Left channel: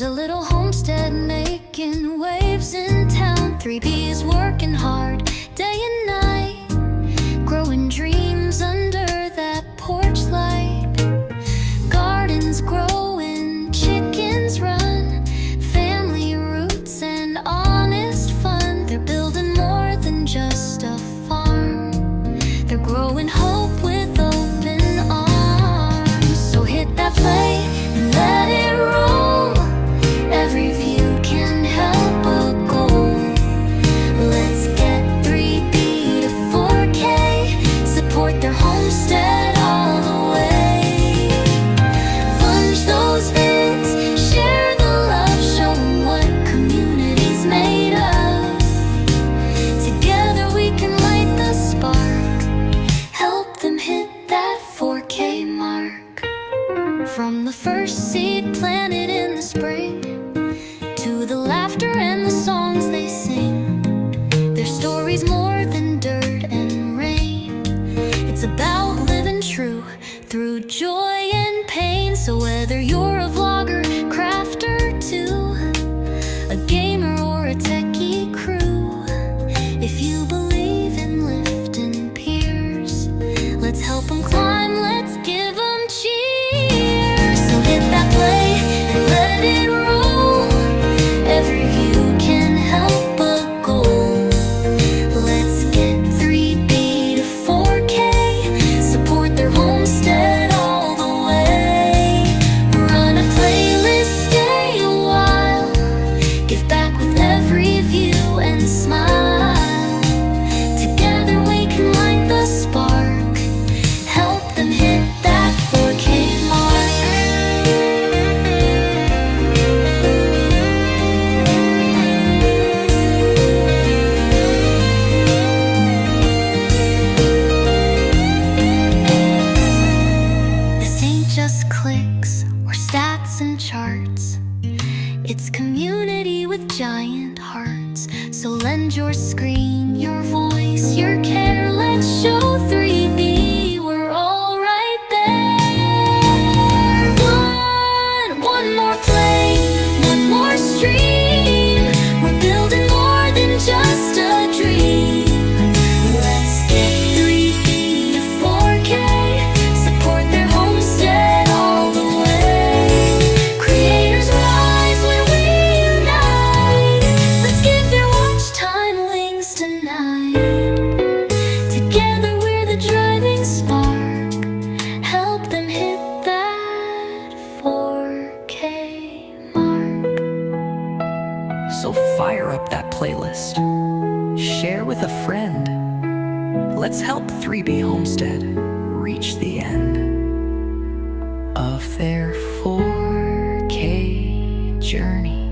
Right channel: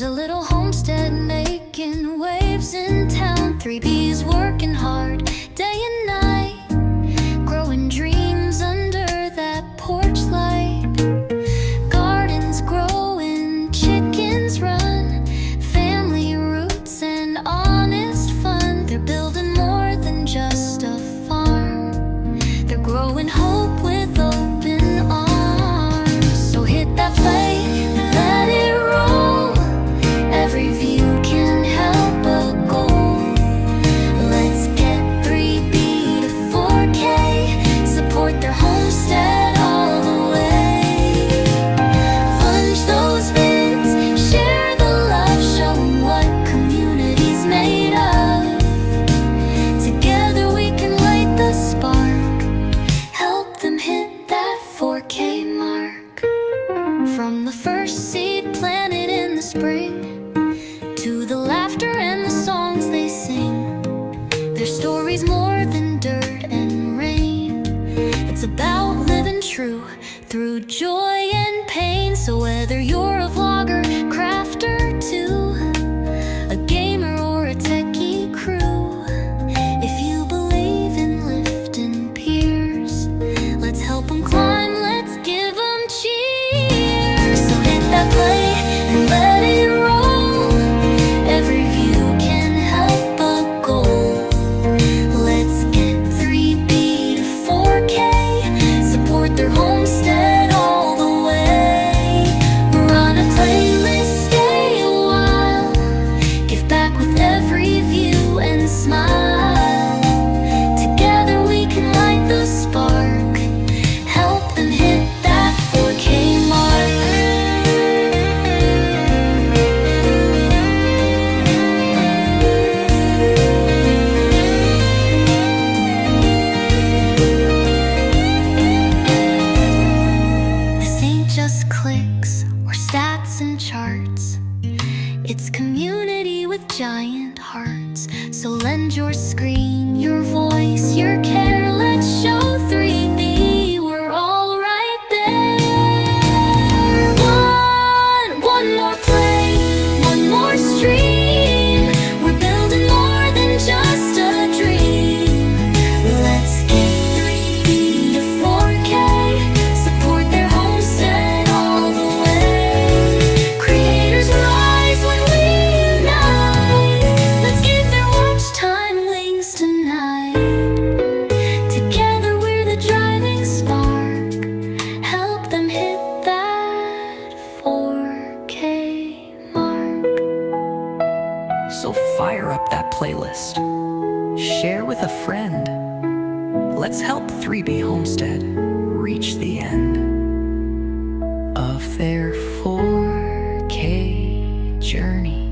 There's a little homestead making waves in town. 3B's working hard day and night, growing dreams under that porch light. Gardens growing, chickens run, family roots and honest fun. They're building more than just a farm, they're growing hope with open arms. So hit that play and let it roll. Every view can help a goal. Let's get 3B to 4K, support their homestead all the way. Punch those vids, share the love, show 'em what community's made of. Together we can light the spark, help them hit that 4K mark. From the first seed planted in the spring, to the laughter and the songs they sing, their story's more than dirt and rain. It's about living true through joy and pain. So whether you're a vlogger, crafter too, a gamer or a techie crew, if you believe in lifting peers, let's help them climb, let's give them cheers. So hit that play and let it roll. Every view can help a goal. Let's get 3B to 4K, support their homestead all the way. Run a playlist, stay a while, give back with every view and smile. Together we can light the spark, help them hit that 4K mark. This ain't just clicks or stats and charts, it's community with giant hearts. So lend your screen, your voice, your care. Let's show 3B we're all right there. One more play, one more stream. We're building more than just a dream. Let's get 3B to 4K, support their homestead all the way. Creators rise when we unite, let's give their watch time wings tonight. Together we're the driving spark, help them hit that 4K mark. So fire up that playlist, share with a friend. Let's help 3B Homestead reach the end of their 4K journey.